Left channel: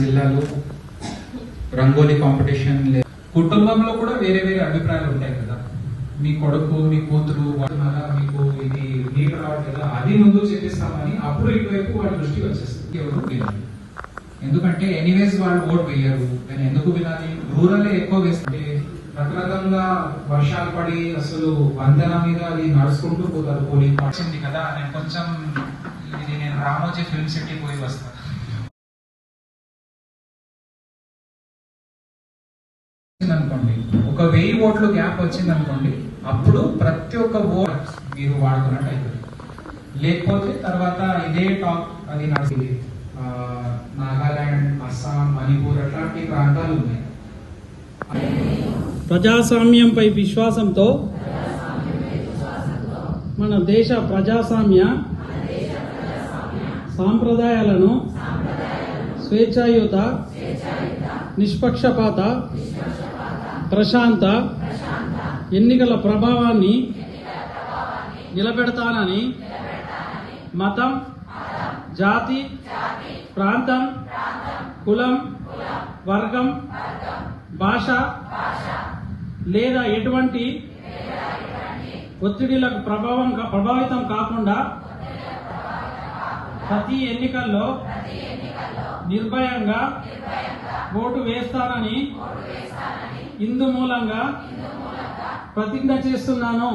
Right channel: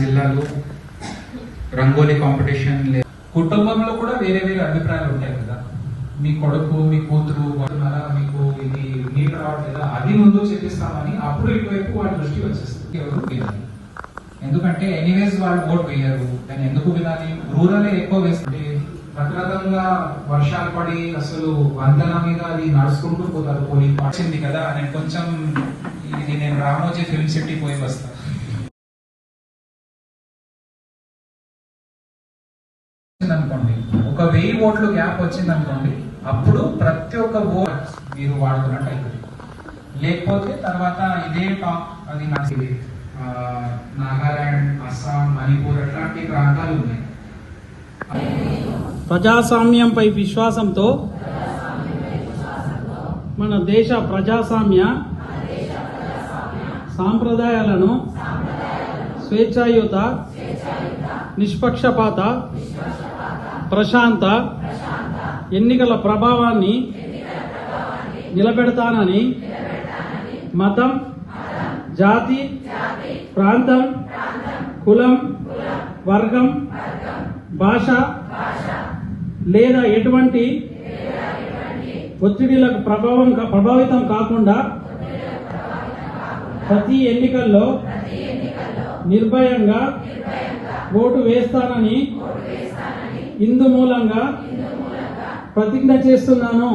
జిల్లాలో రంగోలీ కాంపిటీషన్ కుటుంబంలో కూడా వేరే వేరే అభిప్రాయాలు ఉంటాయి కదా. మీ కొడుకు మీ కూతురు మీకు ఇది నీళ్ళు రావట్లేదా, అది ముందు చెప్పిస్తామని అప్పుడు ఇటువైపు వాళ్ళ దృష్టి వచ్చేస్తుంది. ఎవరు వినాలి, ఎందుకంటే ఎనీవేస్ వాళ్ళు ఓట్ వేయరు. నేను ఎందుకు వినాలి? రూరల్ ఎక్కువ వేస్తుంటే రకరకాలుగా వర్షాలు పడి అసలు వందన మీద అది నడుచుకుంటూ పోతారు. పోలింగ్ వచ్చింది కదా, నేను కొంచెం ఇది నేను రామోజీ ఫిల్మ్ సిటీ పోయి వస్తాను. అనుకోండి, ఒక 1000 ఓట్లు గ్యాప్ వచ్చింది అనుకోండి, అప్పుడు ప్రతి ఒక్క ఓట్ మీరు వాడుకున్నట్టు అవుతుంది. లేకపోతే తర్వాత ఇదే టాక్ అది నడిచింది. నాగాలాండ్, అస్సాం, మణిపూర్ అట్లాంటి ప్రాంతాలు ఉన్నాయి. ప్రజాస్వామ్యంపై విశ్వాసంతో మన దేశ ప్రజాస్వామ్య సాంప్రదాయాలను స్వేచ్ఛాయుత, నిష్పక్షపాత, ప్రశాంత ఎన్నికల ప్రభావాన్ని నిలబెడతానని మతం, జాతి, ప్రాంతం, కులం, వర్గం, భాష లేదా ఎటువంటి ఒత్తిడిలకు ప్రభావితం కాకుండా ప్రతి ఎన్నికల్లో నిర్భయంగా ఓటు వేస్తానని ఇందు మూలంగా ప్రతిజ్ఞ చేస్తున్నాను.